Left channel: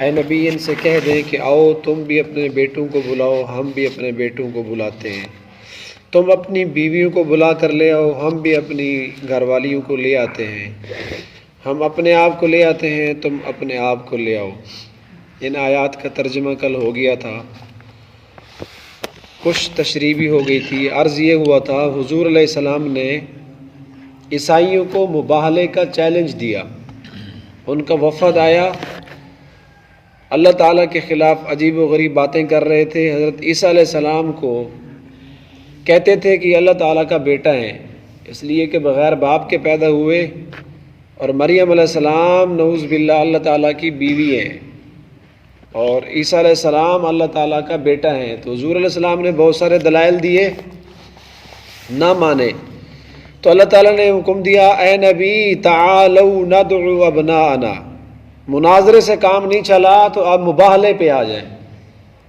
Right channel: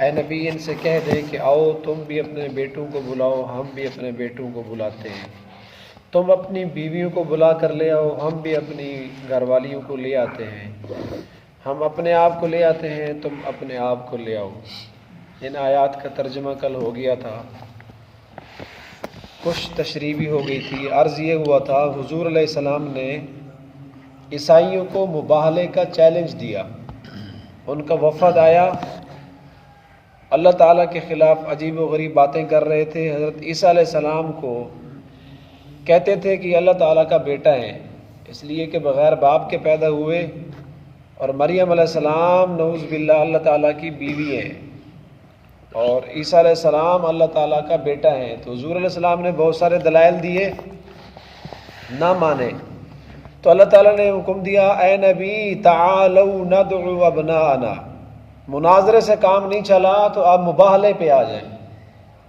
اے نبی ان سے کہہ دیں کہ آؤ تم بھی اپنے بیٹوں کو بلاؤ، ہم بھی اپنے بیٹوں کو بلاتے ہیں، تم اپنی بیویوں کو بلا کر لے آؤ، ہم بھی اپنی گھر والیوں کو لے آتے ہیں، ہم اپنے آپ کو لے آتے ہیں، تم اپنے آپ کو لے آؤ۔ ان آیات کا ترجمہ کل ہو گیا تھا، کچھ تشریح بھی ہو گئی تھی۔ عرض یہ ہوا تھا حضور علیہ السلام نے عیسائیوں کو مباہلے کا چیلنج دیا، ان کا وفد آیا، اللہ تعالیٰ کے خلاف عجیب و غریب باتیں کر رہے تھے، حضرت عیسیٰ علیہ السلام کو کہتے تھے کہ اللہ تعالیٰ کا بیٹا ہے اس لیے کہ بغیر باپ کے پیدا ہوئے، اور مریم علیہ السلام نعوذ باللہ اللہ تعالیٰ کی بیوی ہے، اور عیسیٰ علیہ السلام اللہ تعالیٰ کا بیٹا ہے۔ تو حضور علیہ السلام نے بہت سارے دلائل دیے، نہ مانے، تو اللہ تعالیٰ نے حکم دیا اے نبی تعالوا ندعو ابناءنا، مناظرے سے کام نہیں چلا تو آپ مباہلے پہ آ جائیں۔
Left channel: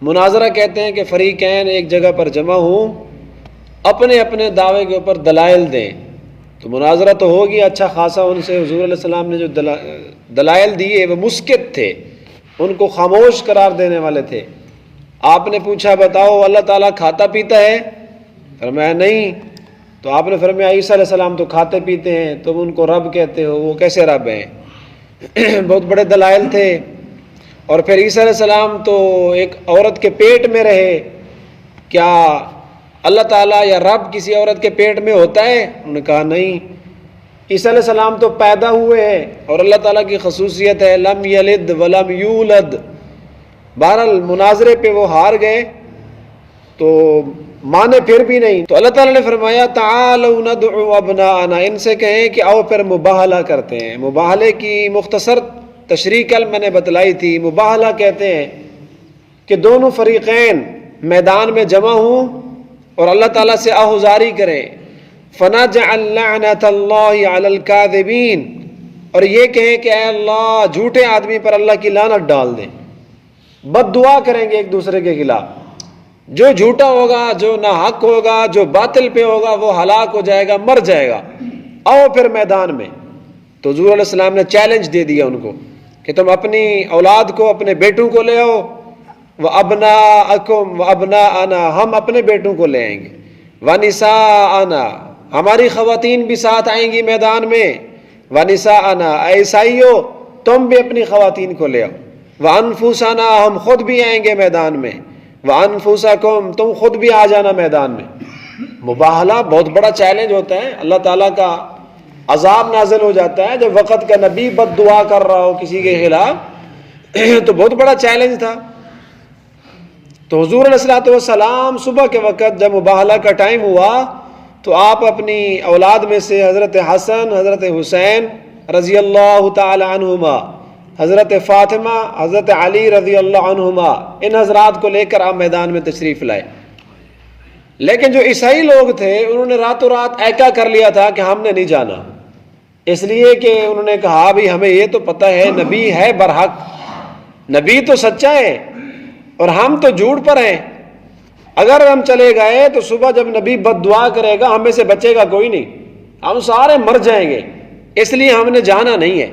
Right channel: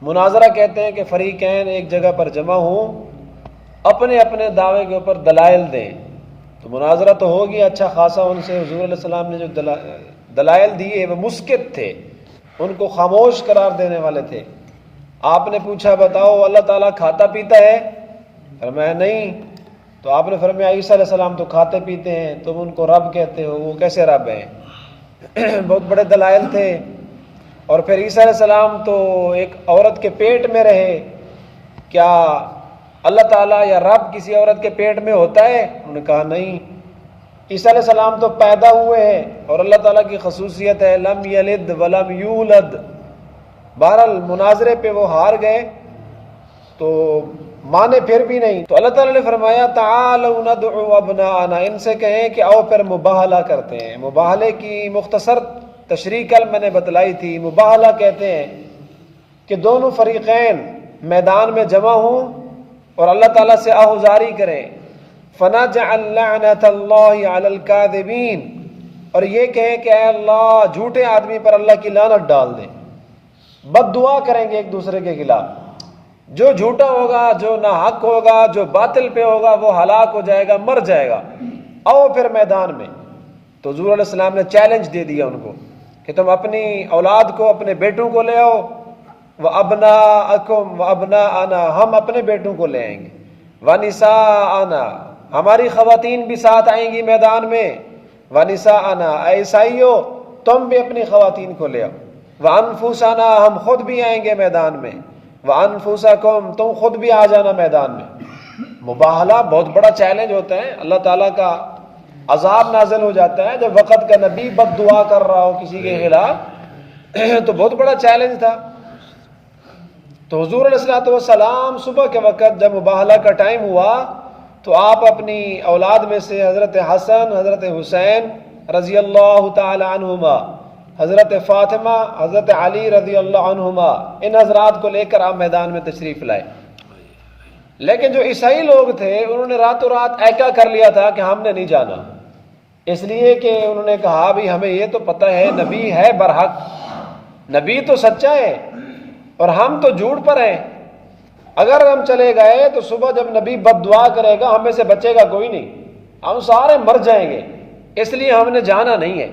مناظرہ کہتے ہیں کہ فریقین ایک جگہ پر جمع ہوں، اپنے اپنے دعوے کے اوپر دلائل دیں، تو مناظرہ تو ہو گیا اچھا خاصا ان سے۔ حضور علیہ السلام نے جو دلائل دیے وہ مسکت تھے، ان کو خاموش قرار دینے والے تھے۔ آپ نے پوچھا بتاؤ اللہ تعالیٰ کھاتا پیتا ہے؟ فرمایا نہیں۔ تو آپ نے فرمایا عیسیٰ علیہ السلام تو کھاتے پیتے ہیں، تم ان کو رب کہتے ہو، وہ کیسے رب ہیں؟ بہت بڑے دلائل تھے۔ اور پھر عیسیٰ علیہ السلام تو ایک عورت کے پیٹ میں رہے، کیا اللہ تعالیٰ یا رب کسی عورت کے پیٹ میں ہوتا ہے؟ انہوں نے کہا نہیں۔ عیسیٰ علیہ السلام تو پیدا ہوئے ہیں، اور اللہ تعالیٰ کی خصوصیت ہے لم یلد ولم یولد۔ بہرحال مناظرے پہ وہ ہار گئے، تو مانے پھر بھی نہیں۔ تو اللہ تعالیٰ نے فرمایا تعالوا ندعو ابناءنا، ان سے کہیں کہ آؤ پھر مباہلہ کرتے ہیں۔ مباہلے کی مختصر تشریح کل میں نے بتلائی تھی۔ مباہلہ کہتے ہیں کہ دونوں فریقین میدان میں جمع ہوں اور اللہ تعالیٰ سے آہوزاری کریں، فنجعل لعنت اللہ علی الکاذبین، اور یہ کہیں کہ اے اللہ جھوٹے آدمی پر اللہ کی لعنت ڈال دیں۔ بد دعا کریں گے ایک دوسرے کے خلاف، جو جھوٹا ہوگا، جو ناحق ہوگا، جو باطل پہ ہوگا وہ ہلاک ہو جائے گا، مر جائے گا۔ آؤ پھر میدان میں۔ تو حضور علیہ السلام نے چیلنج دے دیا ان کو کہ تم اپنی اولاد کو، اپنے بیٹوں کو لے آؤ، وَأَبْنَاءَكُمْ وَأَبْنَاءَنَا، ہم اپنے بیٹوں کو لے آئیں گے، وَنِسَاءَنَا، ہماری خواتین بھی ساتھ آئیں گی میدان میں، وَنِسَاءَنَا، اے عیسائیو تم بھی اپنی خواتین کو لے آؤ، وَأَنفُسَنَا، ہم خود بھی آئیں گے میدان میں، وَأَنفُسَكُمْ، تم خود بھی آ جانا میدان میں۔ مباہلہ بہت بڑا چیلنج ہوتا ہے، اللہ تعالیٰ کا عذاب نازل ہو جاتا ہے جب وقت کا نبی بد دعا کر رہا ہو کسی کے خلاف، تو بہت بڑا چیلنج تھا۔ تو حضور علیہ السلام صبح کے وقت جب مباہلہ کا ٹائم ہوا تو آپ اپنی اولاد میں سے حضرت حسن، حضرت حسین رضی اللہ تعالی عنہما، حضرت فاطمہ، حضرت علی رضی اللہ عنہما، ان حضرات کو لے کر آپ میدان میں تشریف لائے۔ لیکن جو عیسائی لوگ تھے انہوں نے راتوں رات ایکا کر لیا تھا کہ ہم نے نہیں جانا، اس لیے کہ انہوں نے کہا بھی ہمیں یہ تو پتہ ہے نبی ہے برحق، نبی تو سچا ہے اور ہم تو جھوٹ پر ہیں، اگر ہم چلے گئے تو صبح جب نبی بد دعا کرے گا ہمیں سے بچے گا کوئی نہیں، ہم سارے مر جائیں گے، اس لیے ہم نے جانا نہیں ہے۔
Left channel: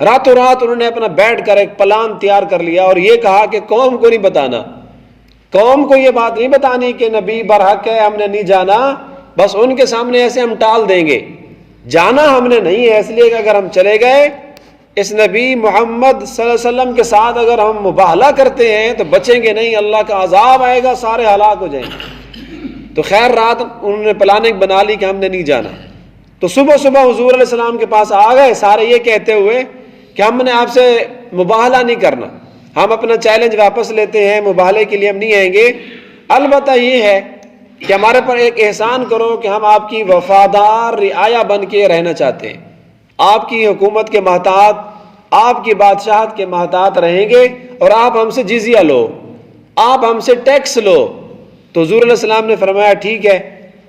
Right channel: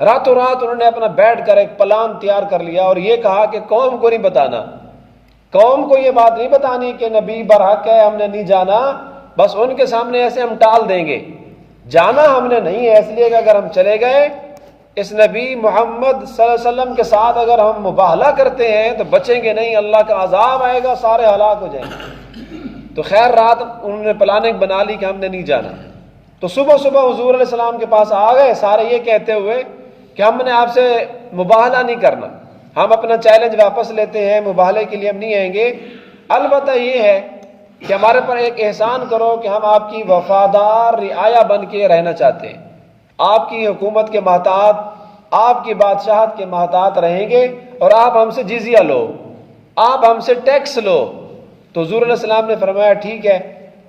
راتوں رات انہوں نے اپنا بیٹھ کر ایک پلان تیار کر لیا اور یہ کہا کہ قوم کو نہیں بتانا، قوم کو یہ بات نہیں بتانی کہ نبی برحق ہے، ہم نے نہیں جانا، بس ان کے سامنے ایسے ہم ٹال دیں گے، جانا ہم نے نہیں ہے، اس لیے کہ اگر ہم چلے گئے اس نبی محمد صلی اللہ علیہ وسلم کے ساتھ اگر ہم مباہلہ کرتے ہیں تو بچیں گے نہیں، اللہ کا عذاب آئے گا، سارے ہلاک ہو جائیں گے۔ تو خیر رات انہوں نے پلاننگ بنا لی کہ ہم نے نہیں جانا۔ تو صبح صبح حضور علیہ السلام کے پاس آ گئے سارے یہ کہتے ہوئے کہ ہم نے آپ سے مباہلہ نہیں کرنا، ہم اپنا چیلنج واپس لیتے ہیں، مباہلے کے لیے ہم نہیں آئیں گے، البتہ یہ ہے کہ ہمارے پر ایک احسان کرو کہ ہم آپ کی وفادار رعایا بن کے رہنا چاہتے ہیں، آپ کی حکومت کے محتاط، آپ کی بادشاہت کے محتاط رہیں گے، اور آپ ہم سے جزیہ لو، آپ ہم سے ٹیکس لو۔ تو حضور علیہ السلام نے فرمایا ٹھیک ہے،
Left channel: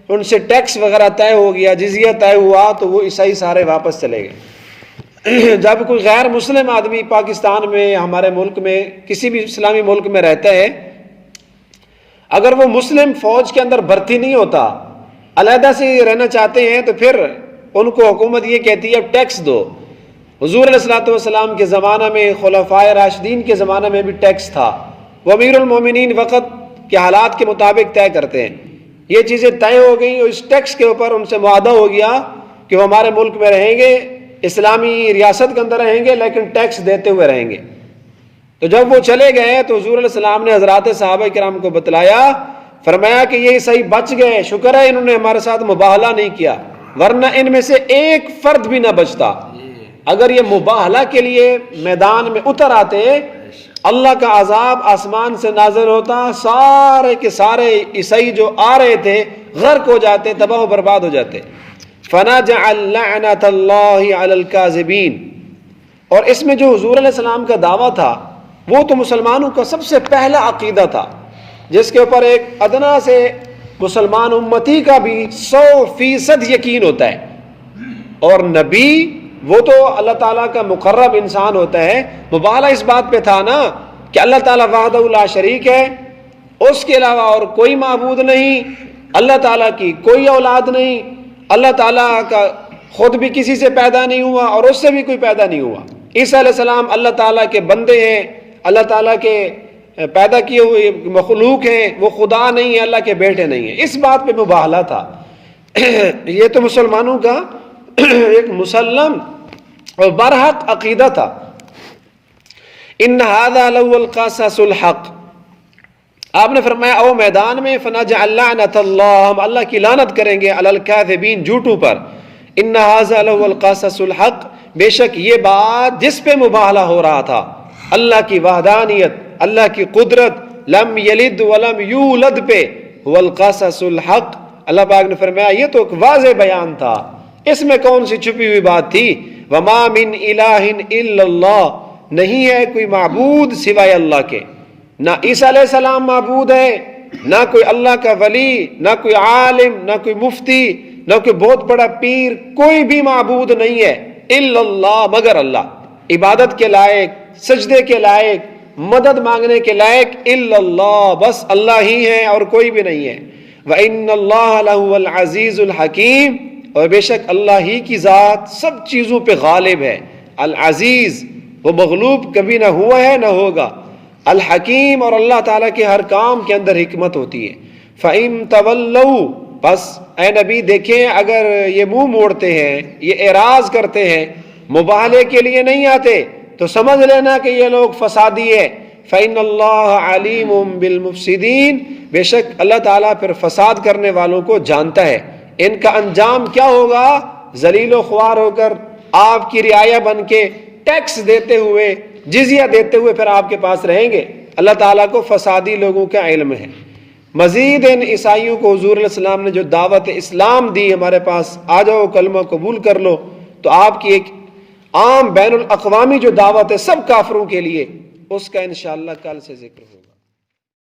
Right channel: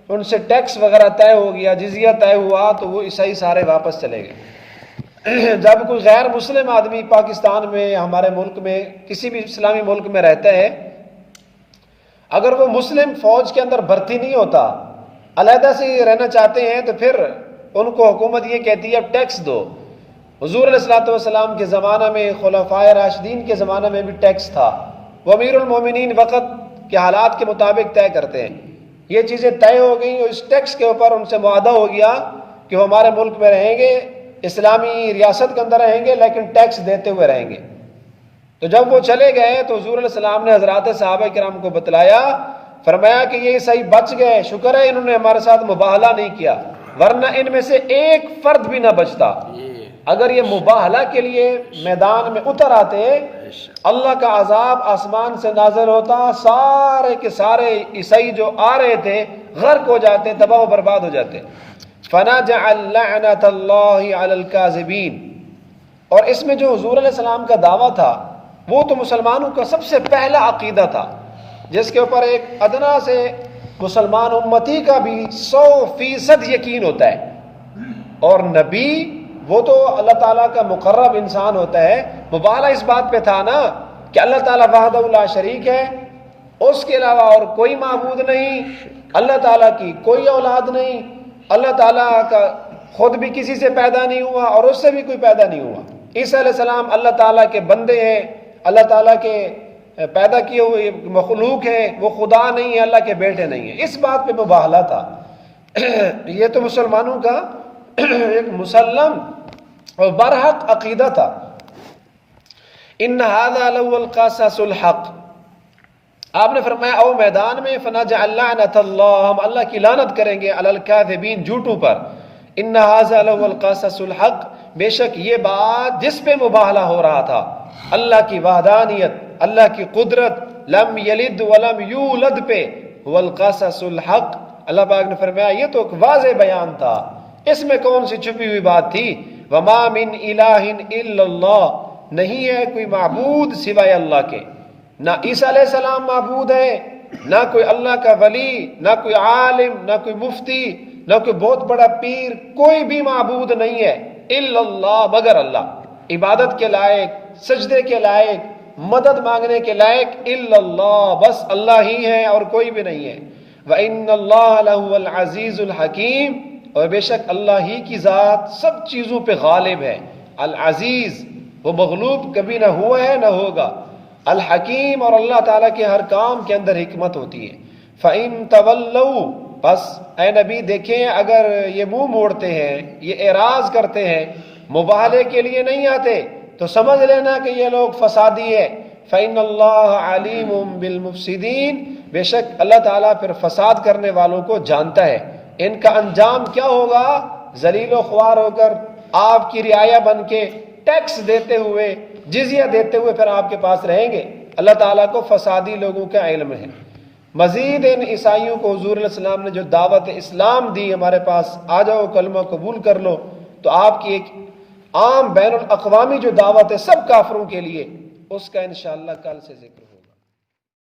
ان سے ٹیکس وغیرہ طے ہو گیا، جزیہ طے ہوا، تو وہ عیسائی سارے واپس چلے گئے۔ جب کوئی غیر مسلم آدمی پاکستان میں، ہمارے ملک میں، کسی بھی اسلامی ملک میں رہتا ہے، اگر وہ مسلم فوج کے اندر بھرتی نہیں ہوتا، علیحدہ سے رہنا چاہتے ہیں، تو پھر ان کو حکومت یہ کہتی ہے ٹیکس دو، حضور علیہ الصلوۃ والسلام کے زمانہ میں، خلفائے راشدین کے زمانہ میں بھی ٹیکس تھا. وہ امیر المومنین وقت کے حالات کے مطابق طے کرتے ہیں. یہ چیزیں طے ہو گئیں اور اس ٹیکس کے اوپر ان سے معاہدہ ہو گیا کہ وہ ہمارے ملک میں رہیں گے، اسلامی ریاست کے اندر رہیں گے، لیکن ٹیکس دیتے ہوئے رہیں گے. تو جب وہ چلے گئے تو حضور علیہ السلام نے حضرات صحابہ کرام کو بتلایا، فرمایا کہ یہ صحیح بچ گئے، شکر ہے انہوں نے ہمارے ساتھ مباہلہ نہیں کیا، ورنہ ان میں سے ایک فرد بھی نہ بچتا. اگر یہ مباہلہ کے لیے میدان میں اتر آتے، اللہ کا عذاب آسمان سے نازل ہوتا، سارے کے سارے عیسائی جو آ رہے تھے غرق ہو جاتے، تباہ و برباد ہو جاتے. فَنَجْعَلْ لَعْنَةَ اللَّهِ عَلَى الْكَاذِبِينَ. اور اس میں جو حضور علیہ السلام کا دعویٰ تھا وہ تو مسلمانوں کا سب سے پہلا عقیدہ تھا، جس کے اوپر ایک ادنا سے مسلمان امتی کا بھی 100% یقین ہوتا ہے. اور نبی وہ تو اللہ تعالیٰ کا مقرب انسان ہوتا ہے. مبالغہ اس بات پہ تھا نا کہ اللہ تعالیٰ وحدہ لا شریک ہے، اس کے علاوہ اور کوئی معبود نہیں، اللہ تعالیٰ کی کوئی اولاد نہیں، اللہ تعالیٰ کا خود بھی کسی سے پیدا نہیں ہوا اور اس سے بھی کوئی پیدا نہیں ہوا. عیسیٰ علیہ السلام اللہ تعالیٰ کے بندے ہیں، اللہ تعالیٰ کے پیدا کیے ہوئے مخلوق ہیں، وہ خدا نہیں ہے، اللہ کے بیٹے نہیں ہیں. اس بات پہ مباہلہ تھا. یہ تو مسلمانوں کا ایک مسلم اور برحق عقیدہ تھا. ان هذا لهو القصص الحق. آپ نے فرمایا او میدان میں فنجعل لعنت اللہ، ہم اللہ کی لعنت کریں گے علی الکاذبین، جھوٹوں پر. ان هذا لهو القصص الحق، بے شک یہ بات جس پہ مباہلہ ہو رہا تھا، اللہ کی وحدانیت، اللہ کی قدرت، لم یلد ولم یولد پہ، هو القصص الحق. اللہ پاک نے فرمایا یہ تو ایک واضح بیان تھا، اس میں کون سی چھپی ہوئی بات تھی. وما من الہ الا اللہ، نہیں ہے کوئی معبود سوائے اللہ کے. نہ عیسیٰ علیہ السلام معبود ہے، نہ کوئی اللہ کا ولی، نہ کوئی عالم، نہ کوئی مفتی، نہ کوئی بہت بڑا پیر، کوئی بھی معبود نہیں ہے الا اللہ، مگر اللہ. عبادت کے لائق، سجدے کے لائق، مدد مانگنے کے لائق الا اللہ، بس اللہ ہی ہے اور کوئی بھی نہیں ہے. وَإِنَّ اللَّهَ لَهُوَ الْعَزِيزُ الْحَكِيمُ، اور بے شک اللہ ہی کی ذات سب چیزوں پہ غالب ہے. العزیز، وہ مغلوب کبھی نہ ہوا ہے نہ ہوگا. الحکیم، اور اللہ تعالیٰ کے ہر کام کے اندر حکمت ہوتی ہے. فَإِن تَوَلَّوْا، بس اے نبی دیکھیں اگر یہ منہ موڑتے ہیں، یہ اعراض کرتے ہیں، مباہلے کے لیے نہیں آتے، تو سمجھ لینا کہ یہ لوگ فسادی ہے. فَإِنَّ اللَّهَ عَلِيمٌ بِالْمُفْسِدِينَ، بے شک اللہ تعالیٰ پھر فساد کرنے والوں کو جانتا ہے. ان کا انجام کیا ہوگا؟ ذلیل و خوار ہو کر، آپ کی رعایا بن کے، ٹیکس دیتے ہوئے، جزیہ دیتے ہوئے پھر آپ کے پاس رہیں گے. اللہ تعالیٰ کو فسادی لوگوں کا علم ہے. مزید ان عیسائیوں کو حضور علیہ السلام نے جو دعوت اسلام دی ہمارے پاس، آ جاؤ کلمہ قبول کر لو، تو آپ کی ایک عام بین الاقوامی جو دعوت ہے سب کافروں کے لیے، اس کا انشاءاللہ کل سے ذکر ہو.